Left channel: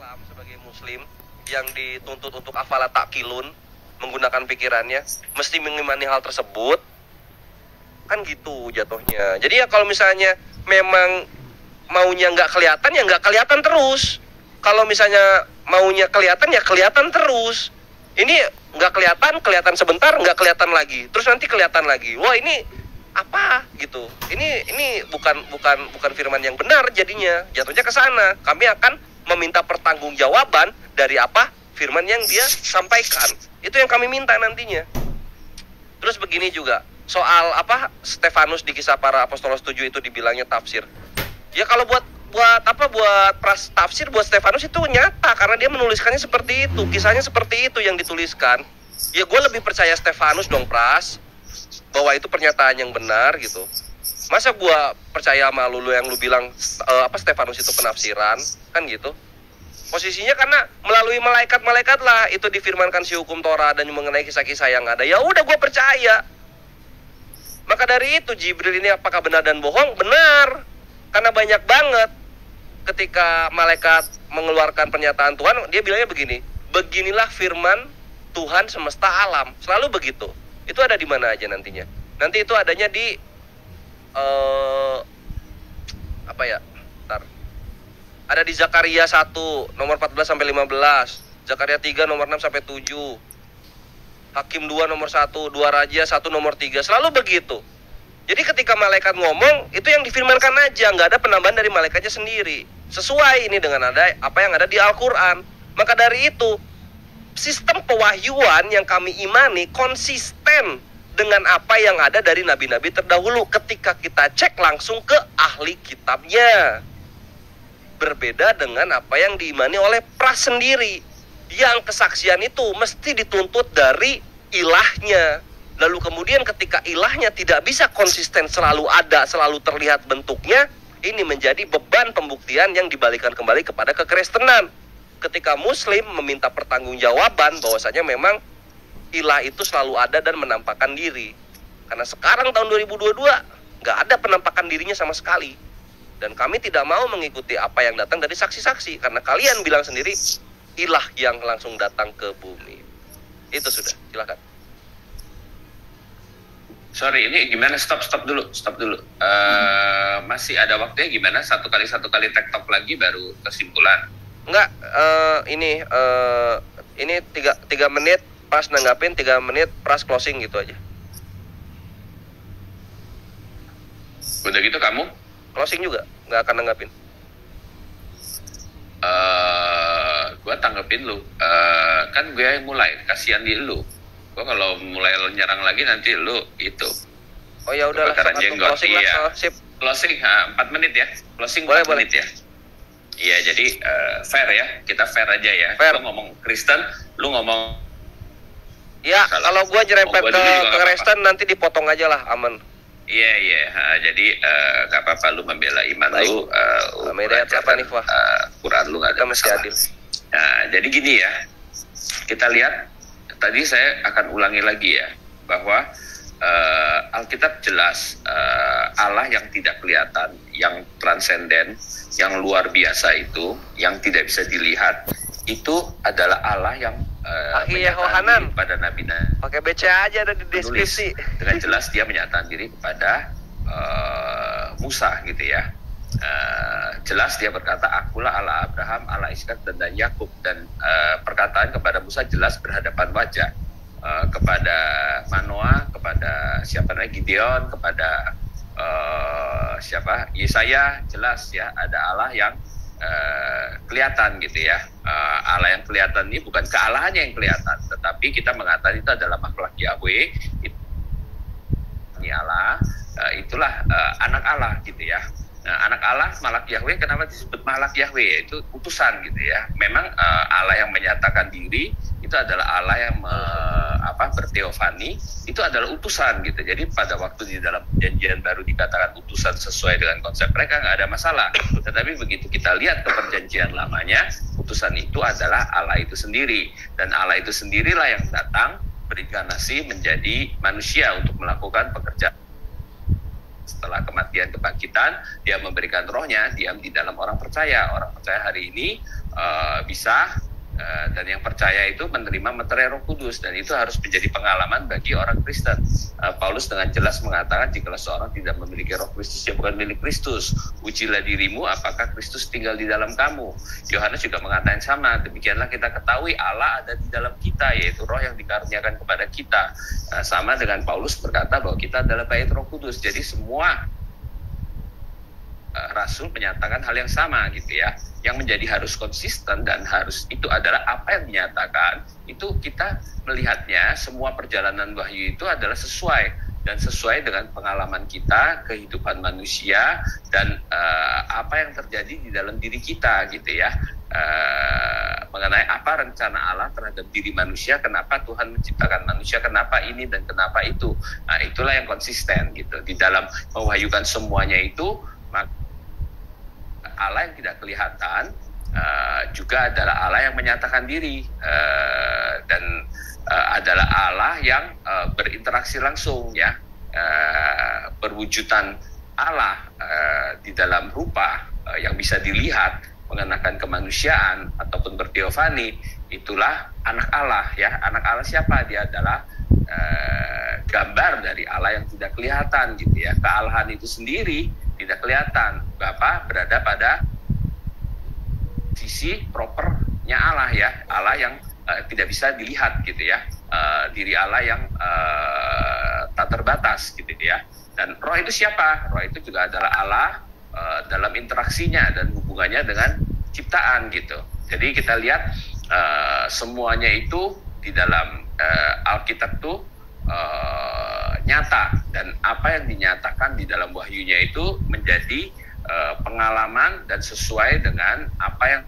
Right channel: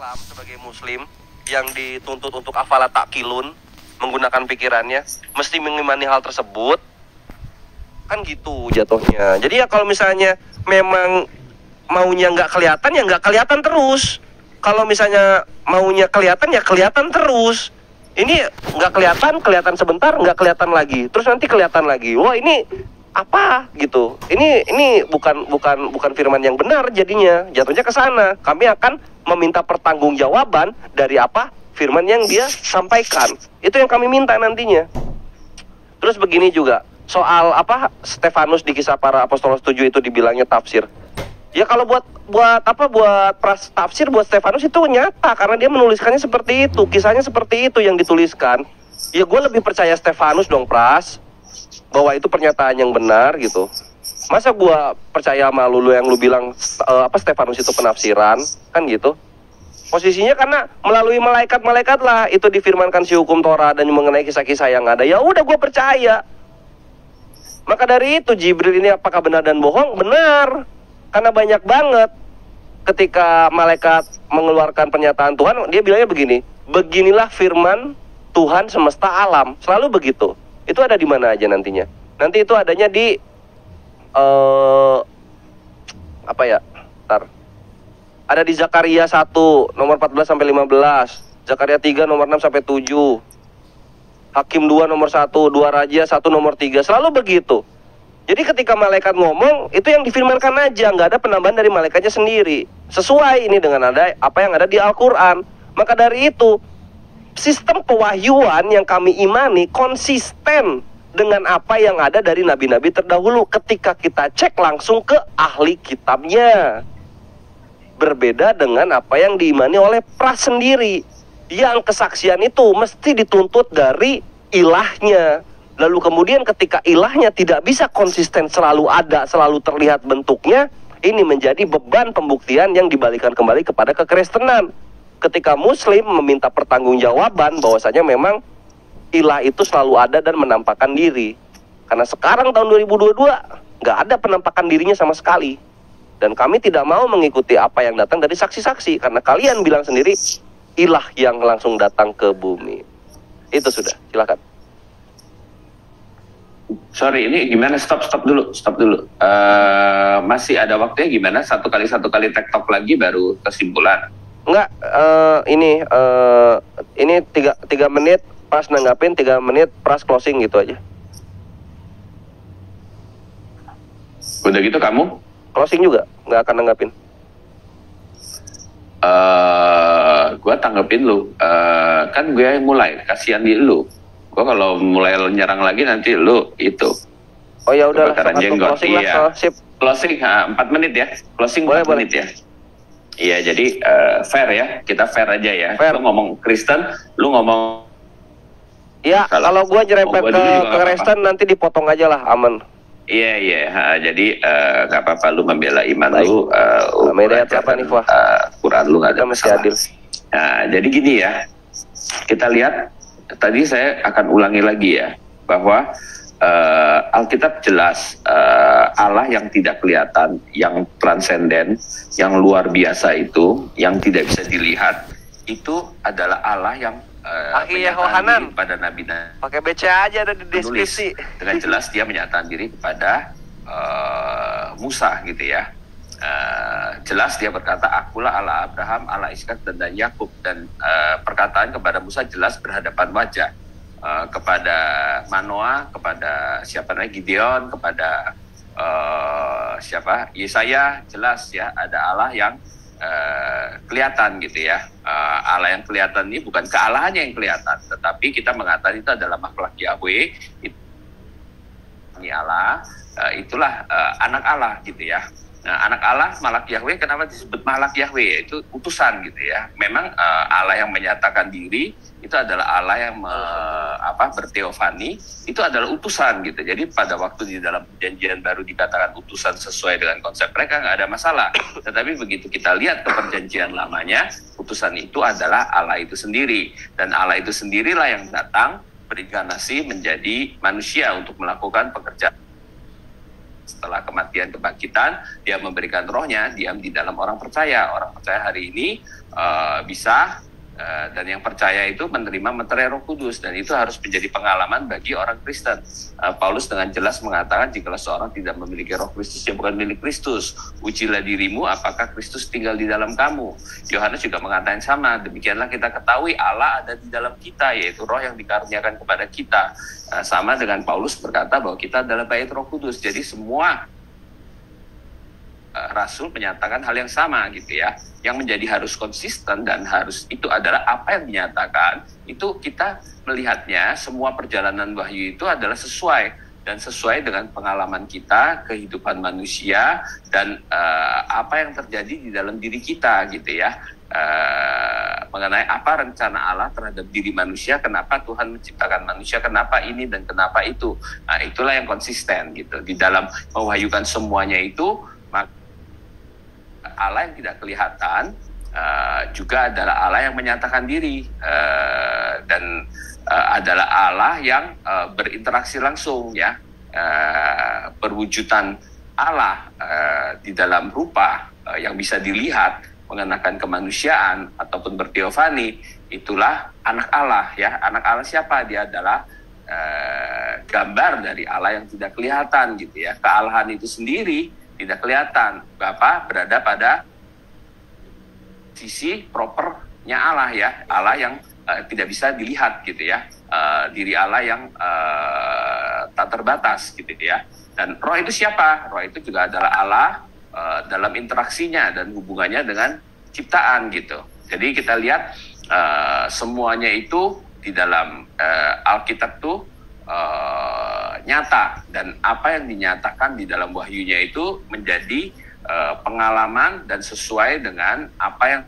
Islam sebagai muslim yang dituntut untuk afala ta'qilun, menggunakan pikirannya, mesti mengimani hal tersebut. Kan gitu jatuhnya. Jadi ya kalau misalnya memang maunya nggak kelihatan, ya nggak kelihatan terus. Kalau misalnya maunya kelihatan, ya kelihatan terus. Ini nggak kelihatan, kelihatan sebentar, nggak kelihatan lagi. Terus nanti kelihatan lagi. Wah, ini apa gitu? Ini bukan firman yang benar jadinya. Jatuhnya ke sana. Kami akan meminta pertanggungjawaban dari apa? Firman yang dia sampaikan. Itu yang kami minta nantinya. Terus begini juga. Soal apa Stefanus di Kisah Para Apostolos 7 itu dibilangnya tafsir. Ya kalau buat tafsir buat Stefanus itu nyata karena dia menuliskannya seperti itu, kisahnya seperti itu yang dituliskan. Ya gue lebih percaya Stefanus dong, Pras, bahwa itu pernyataan yang benar gitu. Masa gue percaya sama lu yang lu bilang Stefanus itu penafsiran kan gitu. Posisinya karena melalui malaikat-malaikat lah itu difirmankan si hukum Torah dan mengenai kisah-kisah yang ada. Ya udah gue percaya. Maka dari itu Jibril ini apakah benar dan bohong? Benar. Karena banyak banget ketika malaikat mengeluarkan pernyataan Tuhan, dia bilangnya begini, beginilah firman Tuhan semesta alam. Selalu begitu. Itu ada di mana aja nantinya? Nanti itu adanya di ada di Zakaria 1 nomor 14 sampai 15, Zakaria 3 nomor 6 sampai 7, Hakim 2 nomor 1, 2 Raja 1 nomor 3. Selalu begitu. Jadi ketika malaikat ngomong, itu yang difirmankan aja, nggak ada penambahan dari malaikatnya sendiri. Sesuai ini dengan ada apa yang ada di Al-Quran. Maka dari itu, sistem pewahyuan yang kami imani konsisten dengan apa yang ada dari nabi-nabi terdahulu. Ketika kita cek langsung ke ahli kitabnya. Berbeda dengan apa yang diimani oleh Pras sendiri. Yang kesaksian itu mesti dituntut dari ilahnya. Lalu kemudian ketika ilahnya tidak bisa konsisten selalu ada, selalu terlihat bentuknya, ini menjadi beban pembuktian yang dibalikan kembali kepada kekristenan. Ketika muslim meminta pertanggungjawaban bahwasanya memang ilah itu selalu ada dan menampakkan diri. Karena sekarang tahun 2022 nggak ada penampakan dirinya sama sekali. Dan kami tidak mau mengikuti apa yang datang dari saksi-saksi. Karena kalian bilang sendiri ilah yang langsung datang ke bumi. Itu sudah, silakan. Sorry, ini gimana? Stop dulu. Masih ada waktunya gimana? Satu kali tektok lagi baru kesimpulan. Enggak, ini 3 menit Pras nanggapin, 3 menit Pras closing gitu aja. Udah gitu kamu? Closing juga, nggak akan nanggapin. Gue tanggepin lu. Kan gue yang mulai, kasihan di lu. Gue kalau mulai nyerang lagi nanti lu itu. Oh ya udah, closing lah. Sip. Closing 4 menit ya. Closing 4 menit ya. Iya, jadi fair ya. Kita fair aja ya. Fair. Lu ngomong Kristen, lu ngomong. Ya, kalau gue nyerempet ke Kristen nanti dipotong aja lah, aman. Iya. Jadi nggak apa-apa lu membela iman lu. Beda siapa nih, Wah? Quran lu nggak ada. Mesti adil. Nah, jadi gini ya. Kita lihat. Tadi saya akan ulangi lagi ya, bahwa Alkitab jelas Allah yang tidak kelihatan, yang transenden, yang luar biasa itu, yang tidak bisa dilihat, itu adalah Allah yang menyatakan diri kepada Nabi. Pakai BCA aja ada di deskripsi. Dengan jelas dia menyatakan diri kepada Musa gitu ya. Jelas dia berkata, akulah Allah Abraham, Allah Ishak dan Yakub. Dan perkataan kepada Musa jelas berhadapan wajah, kepada Manoah, kepada siapa namanya Gideon, kepada Yesaya, jelas ya ada Allah yang kelihatan gitu ya. Allah yang kelihatan ini bukan kealahannya yang kelihatan, tetapi kita mengatakan itu adalah makhluk Yahweh. Ini Allah, itulah anak Allah gitu ya. Nah, anak Allah, malak Yahweh, kenapa disebut malak Yahweh? Itu utusan gitu ya. Memang Allah yang menyatakan diri itu adalah Allah yang berteofani, itu adalah utusan gitu. Jadi pada waktu di dalam perjanjian baru dikatakan utusan sesuai dengan konsep mereka, nggak ada masalah. Tetapi begitu kita lihat ke perjanjian lamanya, utusan itu adalah Allah itu sendiri. Dan Allah itu sendirilah yang datang berinkarnasi menjadi manusia untuk melakukan pekerjaan. Setelah kematian kebangkitan, dia memberikan rohnya, diam di dalam orang percaya. Orang percaya hari ini bisa. Dan yang percaya itu menerima meterai Roh Kudus, dan itu harus menjadi pengalaman bagi orang Kristen. Paulus dengan jelas mengatakan, jikalau seorang tidak memiliki Roh Kristus, dia bukan milik Kristus. Ujilah dirimu apakah Kristus tinggal di dalam kamu. Yohanes juga mengatakan sama, demikianlah kita ketahui Allah ada di dalam kita, yaitu Roh yang dikaruniakan kepada kita. Sama dengan Paulus berkata bahwa kita adalah bait Roh Kudus. Jadi semua Rasul menyatakan hal yang sama gitu ya. Yang menjadi harus konsisten dan harus itu adalah apa yang dinyatakan. Itu kita melihatnya semua perjalanan wahyu itu adalah sesuai dengan pengalaman kita, kehidupan manusia, dan apa yang terjadi di dalam diri kita gitu ya. Mengenai apa rencana Allah terhadap diri manusia, kenapa Tuhan menciptakan manusia, kenapa ini dan kenapa itu. Nah, itulah yang konsisten gitu. Di dalam mewahyukan semuanya itu, maka Allah yang tidak kelihatan juga adalah Allah yang menyatakan diri, dan adalah Allah yang berinteraksi langsung ya, perwujudan Allah di dalam rupa yang bisa dilihat, mengenakan kemanusiaan ataupun berteofani. Itulah anak Allah ya. Anak Allah siapa? Dia adalah gambar dari Allah yang tidak kelihatan gitu ya. Kealahan itu sendiri tidak kelihatan. Bapa berada pada sisi propernya Allah ya. Allah yang tidak bisa dilihat gitu ya. Diri Allah yang tak terbatas gitu ya. Dan Roh itu siapa? Roh itu juga adalah Allah dalam interaksinya dan hubungannya dengan ciptaan gitu. Jadi kita lihat semuanya itu di dalam Alkitab tuh nyata, dan apa yang dinyatakan di dalam wahyunya itu menjadi pengalaman dan sesuai dengan apa yang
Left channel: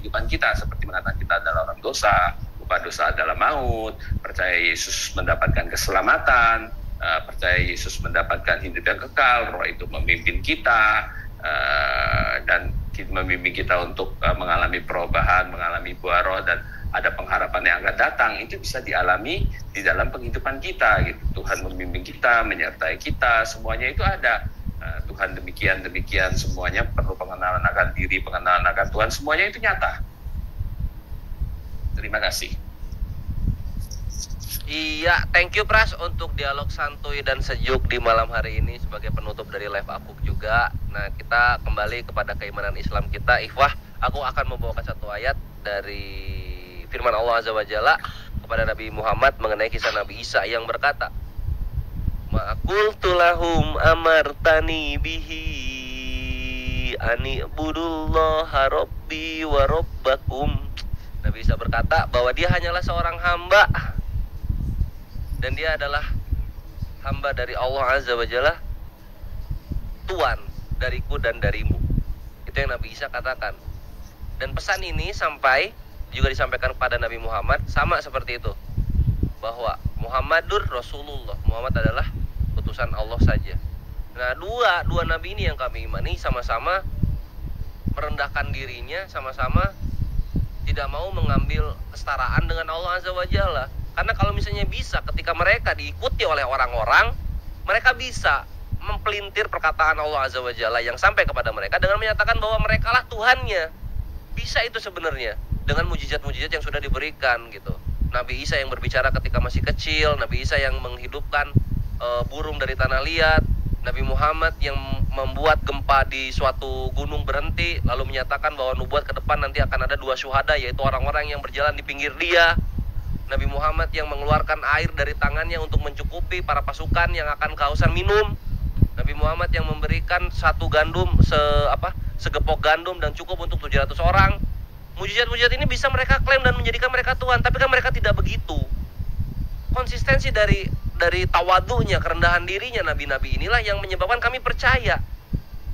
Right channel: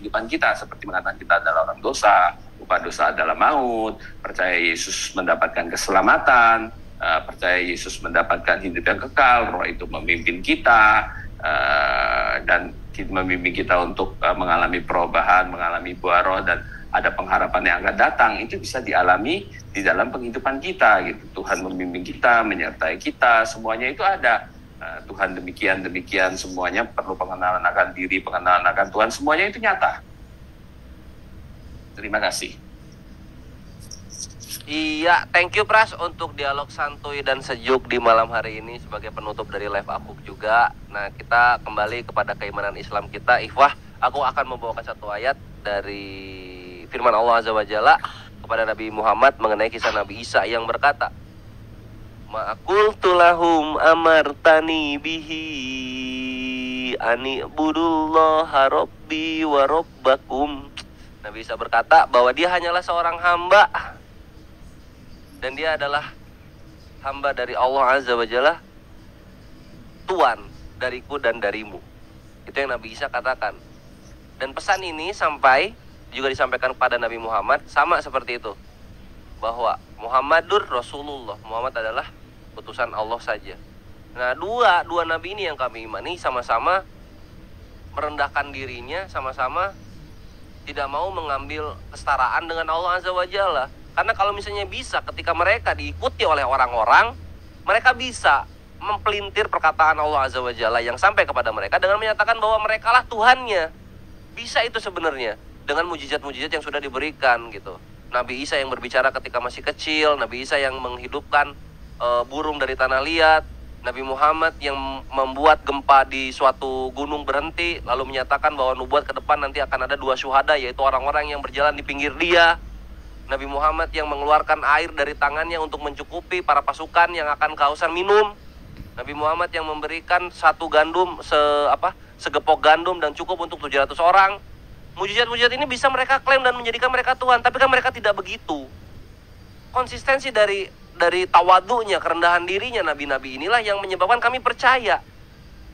kehidupan kita, seperti mengatakan kita adalah orang dosa, upah dosa adalah maut, percaya Yesus mendapatkan keselamatan, percaya Yesus mendapatkan hidup yang kekal, Roh itu memimpin kita, dan memimpin kita untuk mengalami perubahan, mengalami buah Roh, dan ada pengharapan yang akan datang. Itu bisa dialami di dalam kehidupan kita gitu. Tuhan memimpin kita, menyertai kita, semuanya itu ada. Tuhan demikian semuanya perlu pengenalan akan diri, pengenalan akan Tuhan, semuanya itu nyata. Terima kasih. Iya, thank you Pras untuk dialog santuy dan sejuk di malam hari ini sebagai penutup dari live Akuk juga. Nah, kita kembali kepada keimanan Islam kita. Ikhwah, aku akan membawakan satu ayat dari firman Allah Azza wa Jalla kepada Nabi Muhammad mengenai kisah Nabi Isa yang berkata, "Ma'qultu lahum amartani bihi ani budullaha rabbi wa rabbakum." Nabi Isa berkata bahwa dia hanyalah seorang hamba, dan dia adalah hamba dari Allah Azza wa Jalla, Tuhan dariku dan darimu. Itu yang Nabi Isa katakan. Dan pesan ini juga disampaikan kepada Nabi Muhammad, sama seperti itu, bahwa Muhammadur Rasulullah, Muhammad adalah utusan Allah saja. Nah, dua nabi ini yang kami imani sama-sama merendahkan dirinya, sama-sama tidak mau mengambil kesetaraan dengan Allah Azza wa Jalla. Karena kalau misalnya bisa, ketika mereka diikuti oleh orang-orang, mereka bisa mempelintir perkataan Allah Azza wa Jalla yang sampai kepada mereka dengan menyatakan bahwa merekalah Tuhannya. Bisa itu sebenarnya dengan mujizat-mujizat yang sudah diberikan gitu. Nabi Isa yang berbicara ketika masih kecil, Nabi Isa yang menghidupkan burung dari tanah liat, Nabi Muhammad yang membuat gempa di suatu gunung berhenti, lalu menyatakan bahwa nubuat ke depan nanti akan ada 2 syuhada, yaitu orang-orang yang berjalan di pinggir dia. Nabi Muhammad yang mengeluarkan air dari tangannya untuk mencukupi para pasukan yang akan kehausan minum. Nabi Muhammad yang memberikan segepok gandum dan cukup untuk 700 orang. Mujizat-mujizat ini bisa mereka klaim dan menjadikan mereka Tuhan, tapi kan mereka tidak begitu. Konsistensi dari tawadunya, kerendahan dirinya nabi-nabi inilah yang menyebabkan kami percaya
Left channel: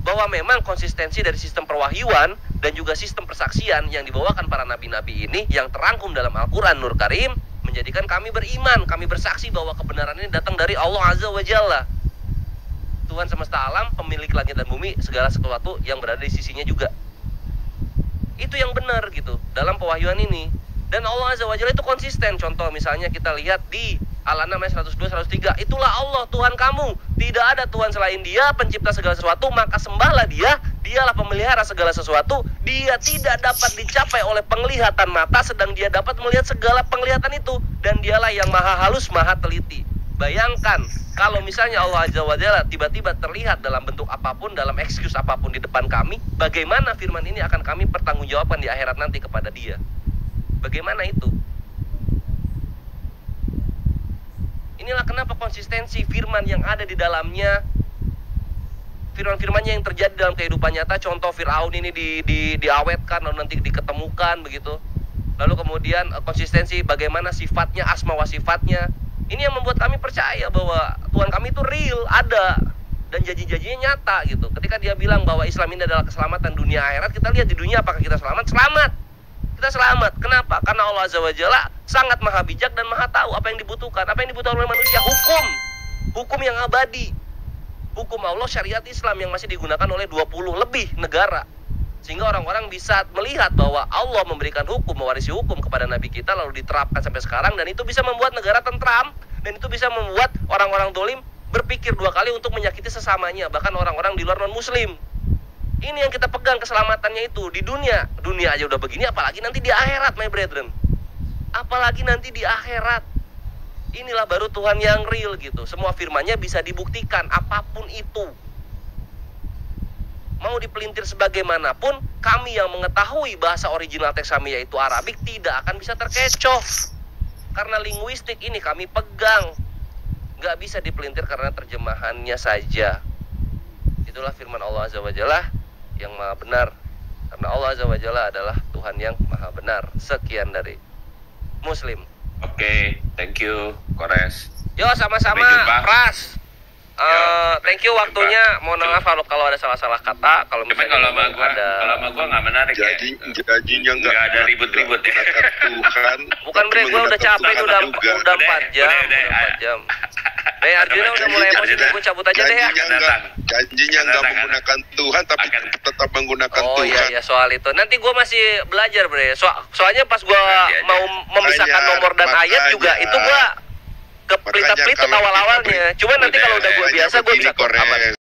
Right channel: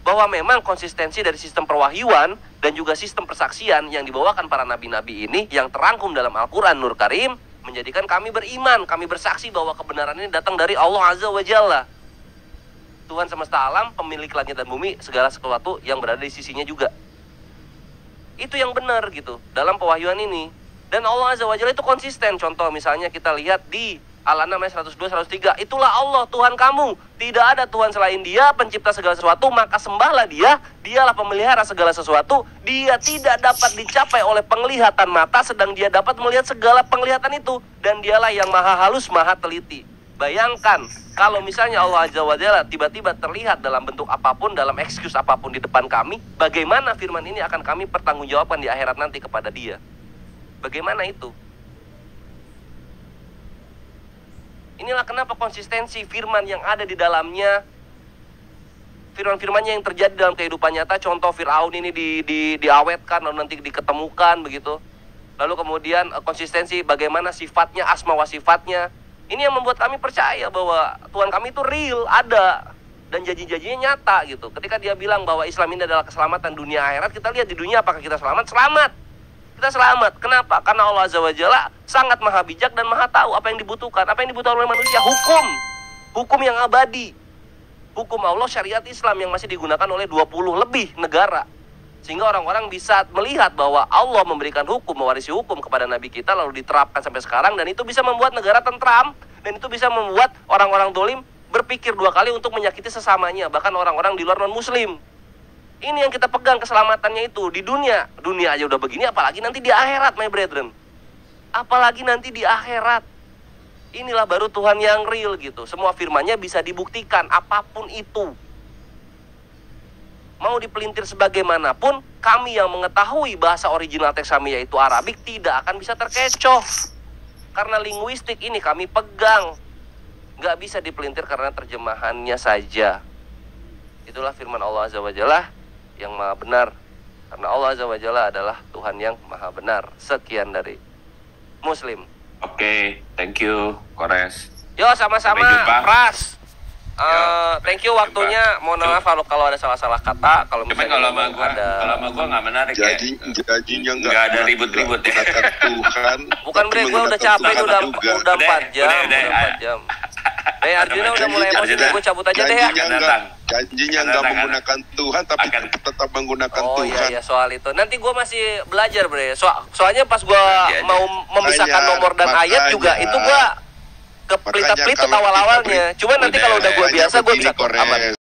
bahwa memang konsistensi dari sistem perwahyuan dan juga sistem persaksian yang dibawakan para nabi-nabi ini yang terangkum dalam Al-Quran Nur Karim menjadikan kami beriman, kami bersaksi bahwa kebenaran ini datang dari Allah Azza wa Jalla, Tuhan semesta alam, pemilik langit dan bumi, segala sesuatu yang berada di sisinya juga. Itu yang benar gitu dalam pewahyuan ini. Dan Allah Azza wa Jalla itu konsisten. Contoh misalnya kita lihat di Al-An'am ayat 102-103, itulah Allah Tuhan kamu, tidak ada Tuhan selain Dia, pencipta segala sesuatu, maka sembahlah Dia Dialah pemelihara segala sesuatu. Dia tidak dapat dicapai oleh penglihatan mata, sedang dia dapat melihat segala penglihatan itu. Dan dialah yang maha halus, maha teliti. Bayangkan, kalau misalnya Allah Azza wa Jalla tiba-tiba terlihat dalam bentuk apapun, dalam excuse apapun di depan kami, bagaimana firman ini akan kami pertanggungjawabkan di akhirat nanti kepada dia? Bagaimana itu? Inilah kenapa konsistensi firman yang ada di dalamnya, firman-firmannya yang terjadi dalam kehidupan nyata. Contoh Fir'aun ini diawetkan, lalu nanti diketemukan begitu. Lalu kemudian konsistensi bagaimana sifatnya, asma wa sifatnya. Ini yang membuat kami percaya bahwa Tuhan kami itu real, ada, dan janji-janjinya nyata gitu. Ketika dia bilang bahwa Islam ini adalah keselamatan dunia akhirat, kita lihat di dunia apakah kita selamat? Selamat. Kita selamat. Kenapa? Karena Allah Azza wa Jalla sangat maha bijak dan maha tahu apa yang dibutuhkan. Apa yang dibutuhkan oleh manusia? Hukum. Hukum yang abadi. Hukum Allah, syariat Islam yang masih digunakan oleh 20 lebih negara. Sehingga orang-orang bisa melihat bahwa Allah memberikan hukum, mewarisi hukum kepada Nabi kita, lalu diterapkan sampai sekarang. Dan itu bisa membuat negara tentram. Dan itu bisa membuat orang-orang dolim berpikir 2 kali untuk menyakiti sesamanya. Bahkan orang-orang di luar non-muslim. Ini yang kita pegang keselamatannya itu. Di dunia aja udah begini, apalagi nanti di akhirat, my brethren. Apalagi nanti di akhirat. Inilah baru Tuhan yang real gitu. Semua firman-Nya bisa dibuktikan apapun itu. Mau dipelintir sebagaimanapun, kami yang mengetahui bahasa original teks kami yaitu Arabik tidak akan bisa terkecoh. Karena linguistik ini kami pegang. Gak bisa dipelintir karena terjemahannya saja. Itulah firman Allah Azza wa Jalla yang maha benar. Karena Allah Azza wa Jalla adalah Tuhan yang maha benar. Sekian dari Muslim. Oke, thank you, Kores. Yo, sama-sama, Pras. Thank you waktunya. Mohon maaf kalau ada salah-salah kata. Kalau misalnya kalau gua nggak menarik. Janjinya nggak ada ribut-ribut. Tuhan. Bukan bre, gua udah capek itu udah 4 jam. Udah 4 jam. Arjuna udah mulai emosi, gue cabut aja deh ya. Janjinya nggak menggunakan Tuhan, tapi tetap menggunakan Tuhan. Oh iya, soal itu. Nanti gue masih belajar bre. Soalnya pas gue mau memisahkan nomor dan ayat juga, itu gue kepelit-pelit awal-awalnya. Cuma nanti kalau udah gue biasa, gue bisa aman.